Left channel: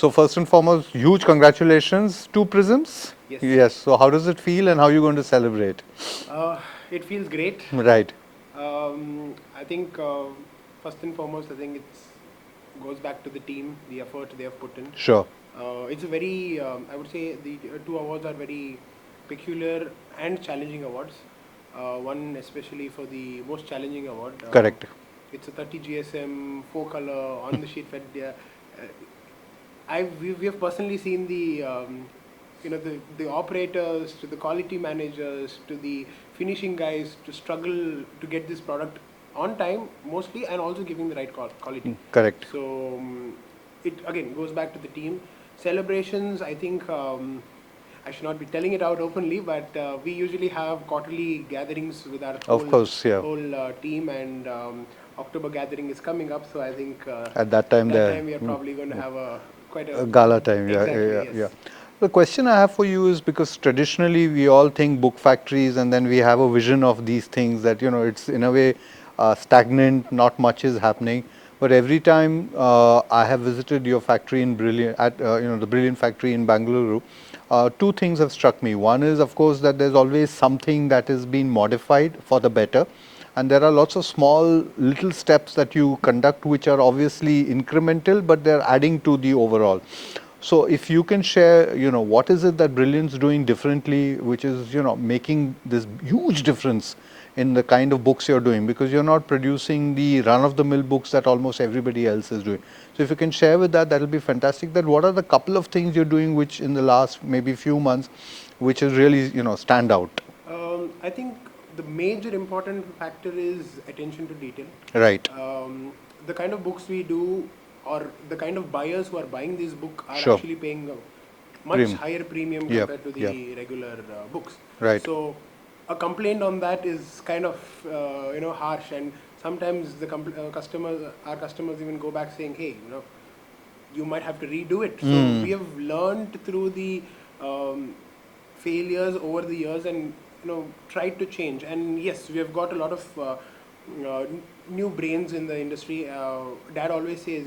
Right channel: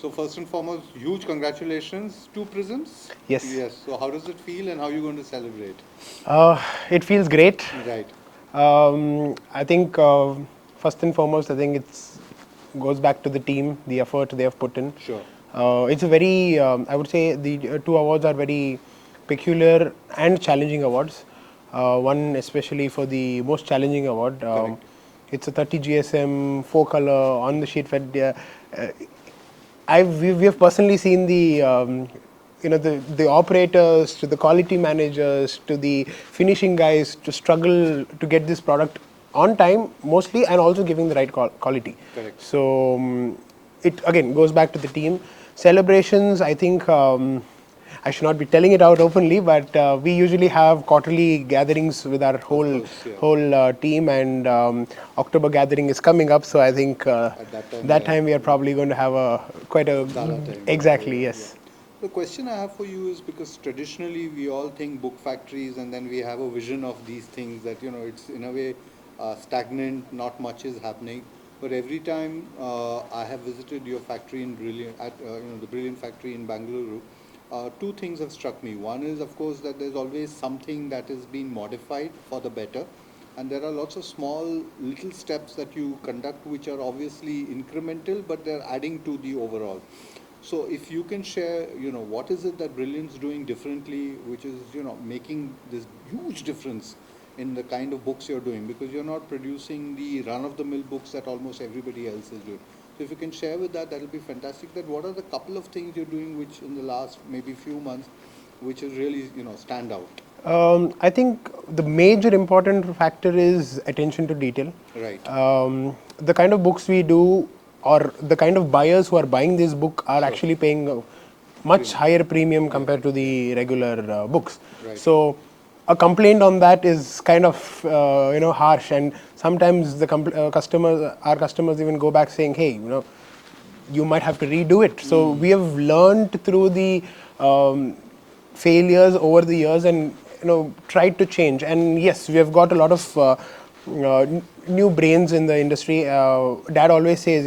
So first and foremost, huge congratulations to Prisms. Yes. Yes. So how does it feel and how are you going to celebrate? It feels great. Right. I think first and foremost, I think it's goes back to the team, the effort they have put in. Sure. It's a very, I would say, the two awards are very peculiar and challenging awards. One especially for the most challenging award. Correct. It's a 30 GSM, 4-color on the sheet fed. We have personally seen the the operators to the quality managers to the finishing guys to struggle to get this product on time mostly, and also giving the right quality. Correct. So it again goes back to the team celebrations. I think I should not be telling it out openly, but we usually have quarterly gatherings with our whole team, and October gathering is coming up. So I think at that time we are probably going to have quite a gala time. Exactly. Yes. The question I have for you is, because traditionally we all think book factories and then we have a vision of these things that, it's in a way stagnant, not much is happening. But every time I have visited your factory in the Brilliant factory in Bangalore, two things have struck me. One is, of course, that there's always something that is being modified for the better. And there are lots of small little steps that you conduct which are obviously incremental, but they're adding to the overall. So if you can share, what is it that Brilliant's doing differently, which is, making this huge difference in the kind of books you're doing, because you're not producing the run-of-the-mill books that almost everybody else is doing. So if you can share with that, that'll be fantastic. That what are the couple of things you're doing which in the last maybe few months, which is really, stand out? I think the major important factor is attention to detail. Right. The kind of books we do, or the kind of buyers who are buying this book are actually paying a much higher premium compared to the regular books. Right. So a complaint on that is kind of harsh, and sometimes the our customers even go back saying, hey, you might have to redo it. So we have learned through the failures over the years, and tried to change. And yes, we have got a lot of new brains in the industry. Dad always says,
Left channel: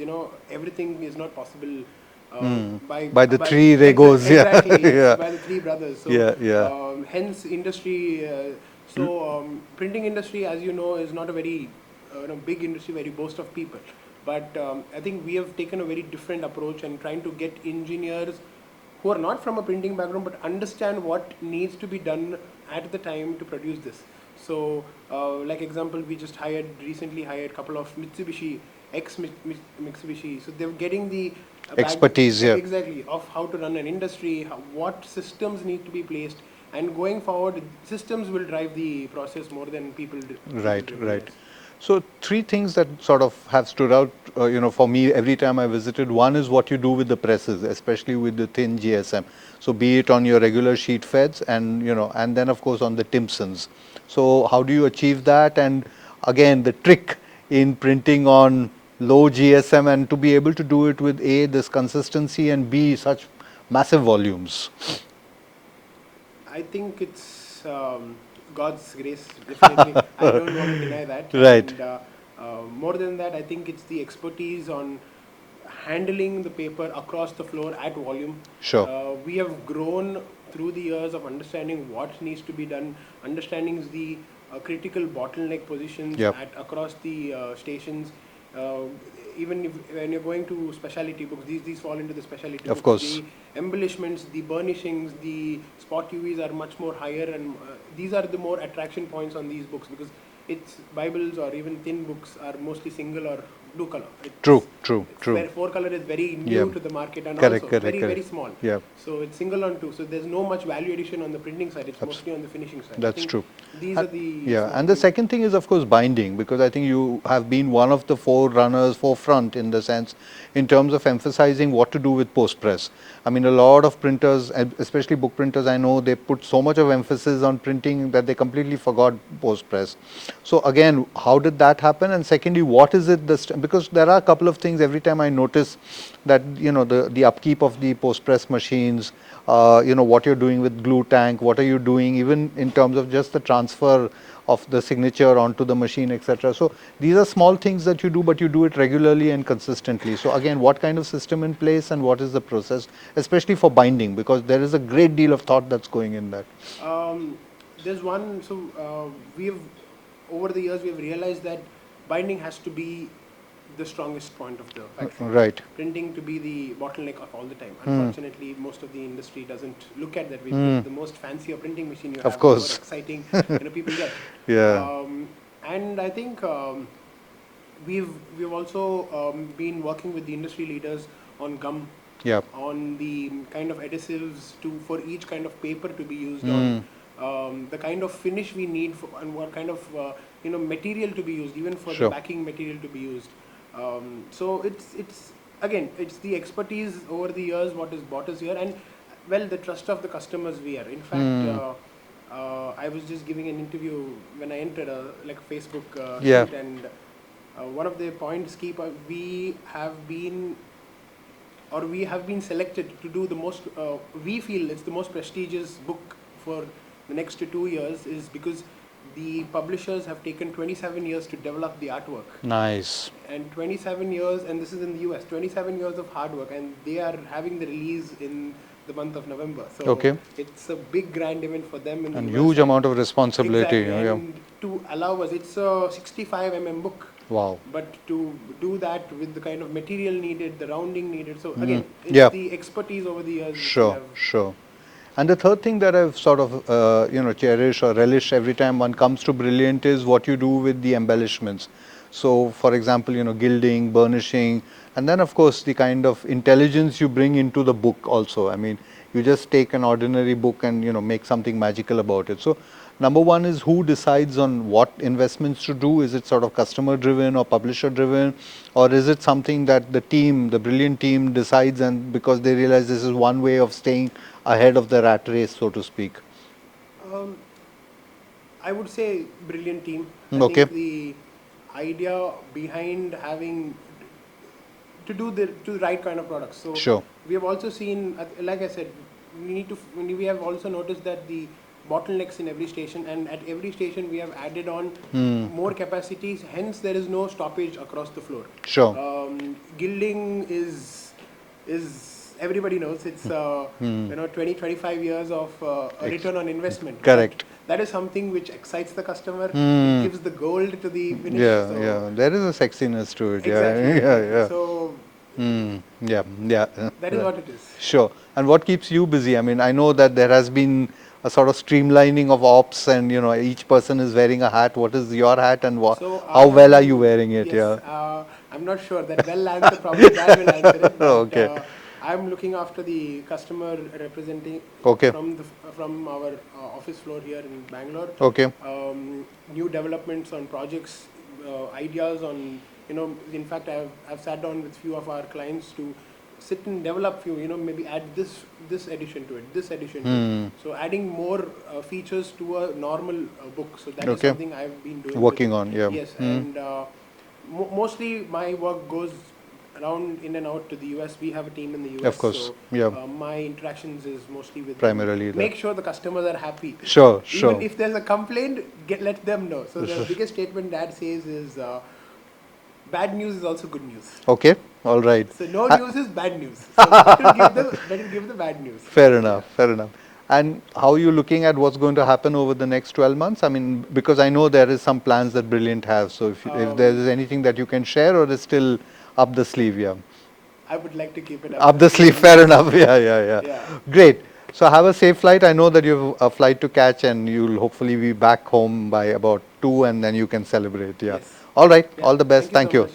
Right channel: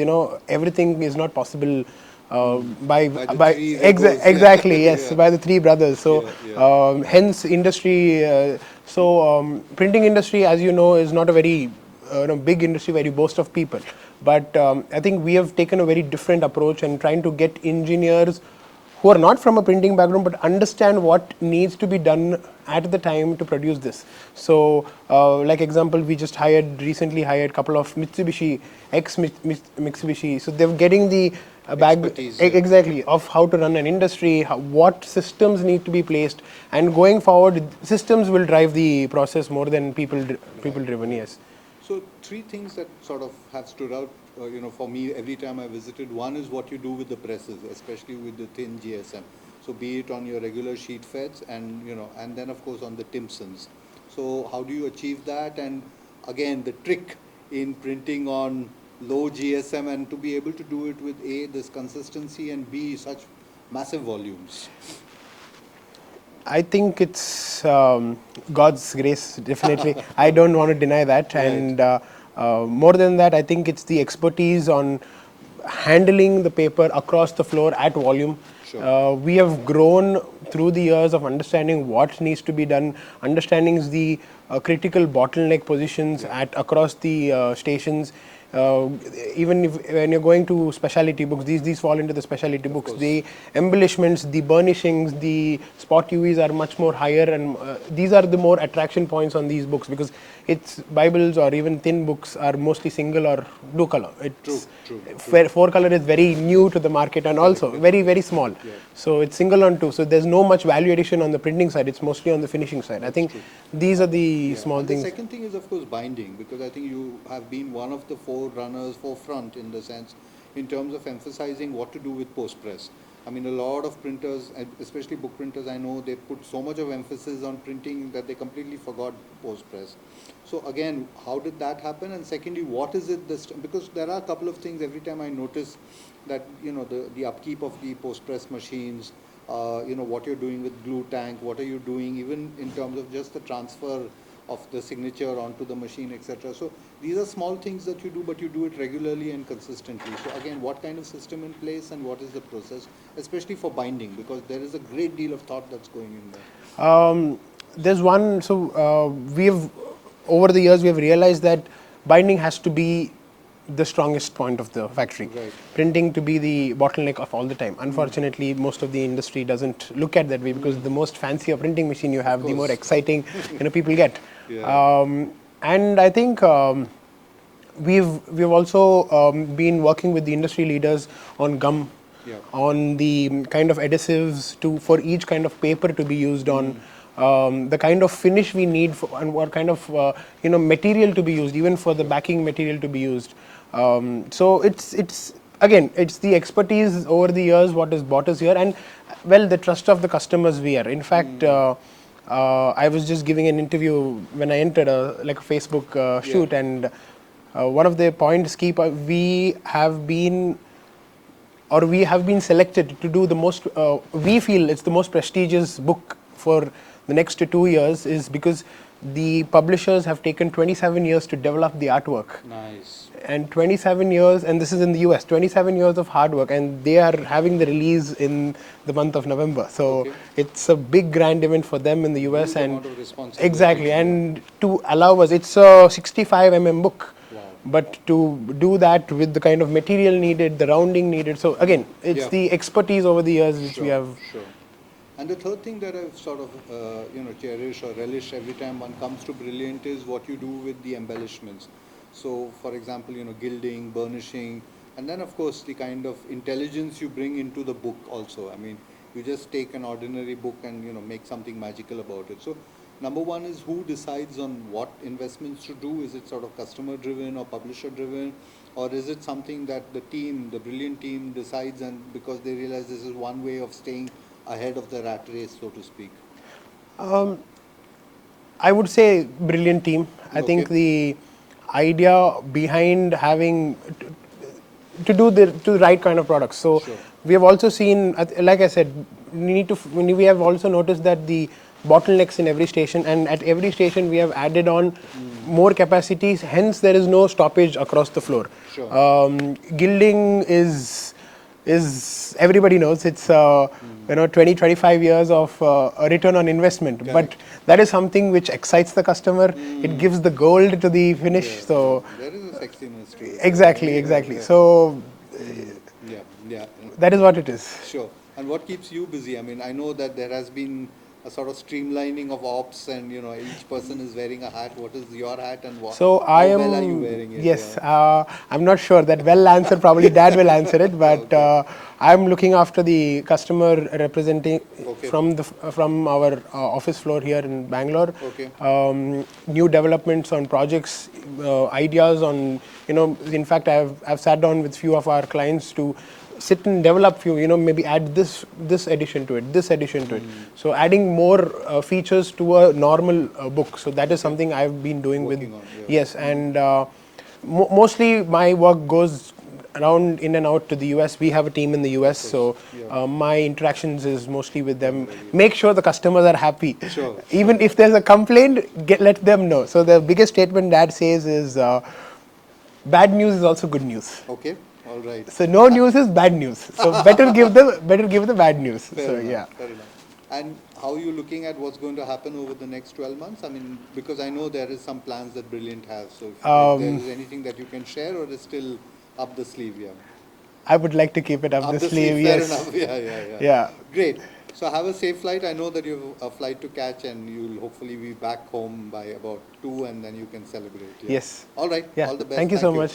everything is not possible by the three Regos. Exactly, yes, by the three brothers. So hence industry. Printing industry, as you know, is not a very big industry where you boast of people. But I think we have taken a very different approach and trying to get engineers who are not from a printing background but understand what needs to be done at the time to produce this. So, like example, we just recently hired a couple of Mitsubishi, ex-Mitsubishi. So they're getting the expertise exactly of how to run an industry, what systems need to be placed, and going forward, systems will drive the process more than people driven. Right. Yes. So three things that sort of have stood out, for me every time I visited. One is what you do with the presses, especially with the thin GSM. So be it on your regular sheet feds and, and then of course on the Timpsons. So how do you achieve that? And again, the trick in printing on low GSM and to be able to do it with A, this consistency, and B, such massive volumes. I think it's God's grace, definitely. I don't want to deny that. Right. And more than that, I think it's the expertise on handling the paper across the floor at volume. Sure. We have grown through the years of understanding what needs to be done, understanding the critical bottleneck positions across the stations. Even when you're going to specialty books, these fall into the specialty books. Course. The embellishments, the burnishings, the spot UVs are much more higher, and these are the more attraction points on these books, because it's Bibles or even thin books are mostly single or blue color. True. 4-color is very new to the market, and also very small. So it's single on 2. So there's no much value addition on the printing side. It's mostly on the finishing side. That's I think true. These are the small and things. the second thing is of course binding, because I think you have been one of the forefront in the sense in terms of emphasizing what to do with post press. I mean, a lot of printers, especially book printers, I know they put so much of emphasis on printing that they completely forgot post press. So again, how did that happen? And secondly, what is it because there are a couple of things every time I notice that the upkeep of the post press machines, what you're doing with glue tank, what are you doing even in terms of just the transfer of the signature onto the machine, etc. So these are small things that you do, but you do it regularly and consistently. So again, what kind of system in place and what is the process, especially for binding, because there is a great deal of thought that's going in there. There's one, so we've, over the years, we've realized that binding has to be the strongest point of the factory. Right. Printing to be the bottleneck of all the time. Unfortunately, most of the industry doesn't look at that way because the most fancier printing machine you have, the more exciting people get. Yeah. And I think we've also been working with the industry leaders on gum, on the kind of adhesives for each kind of paper to be used on. The kind of finish we need and what kind of material to be used, even for the backing material to be used. So it's again, it's the expertise over the years what has brought us here, and well, the trust of the customers we are. In fact, I was just giving an interview when I entered like a Facebook shoot, and one of the points we have been selected to do the most. We feel it's the most prestigious book for the next 2 years is because the publishers have taken 27 years to develop the artwork. Nice. And 27 years, and this is in the US, 27 years of hard work, and they are having the release in the month of November. So it's a big grand event for them in the US. Huge amount of responsibility. Exactly, and to allow us, it's a 65 book. Wow. But to do that with the kind of material needed, the rounding needed, so again, it's the expertise over the years which we have. Sure. And the third thing that I've sort of cherish or relish every time one comes to Brilliant is what you do with the embellishments. So for example, gilding, burnishing, and then of course the kind of intelligence you bring into the book also. I mean, you just take an ordinary book and make something magical about it. So number one is who decides on what investments to do. Is it sort of customer driven or publisher driven, or is it something that the team, the Brilliant team decides, and because they realize this is one way of staying ahead of the rat race, so to speak? I would say Brilliant team. I think the idea behind having to do the right kind of products. So we have also seen, like I said, we have also noticed that the bottlenecks in every station, and at every station we have added on more capacities, hence there is no stoppage across the floor. Gilding is everybody knows it's 20-25 years of a return on investment. Correct. But that is something which excites the customer. It gives the gold to the finish. There is a sexiness to it. Exactly. So that is what it is. Sure. And what keeps you busy? I mean, I know that there has been a sort of streamlining of ops, and each person is wearing a hat. What is your hat, and how well are you wearing it? Yes, I'm not sure that well answer. Probably Dad will answer it, but I'm looking after the customer representing from our office floor here in Bangalore. New developments on projects, ideas on In fact, I've sat down with few of our clients to sit and develop few, maybe add this addition to it, this addition to it. So adding more features to a normal book. So that is something I've been doing. Working on, Yes, and mostly my work goes around in and out to the US. We have a team in the US, so my interactions is mostly with primarily them. Make sure the customers are happy. Sure. Even if there's a complaint, let them know. So the biggest statement Dad says is, bad news is also good news. Okay. All right. So no news is bad news. So better give the bad news. Fair enough. Fair enough. And how are you looking at what's going to happen over the next 12 months? I mean, because I know there is some plans that Brilliant has. So if there is anything that you can share, or is still up the sleeve? I would like to keep it up the sleeve. Fair enough. Yeah. Great. So have a safe flight. I know that you have a flight to catch, and you'll hopefully be back home by about 2, and then you can celebrate. Yes. All right. All the best. Thank you.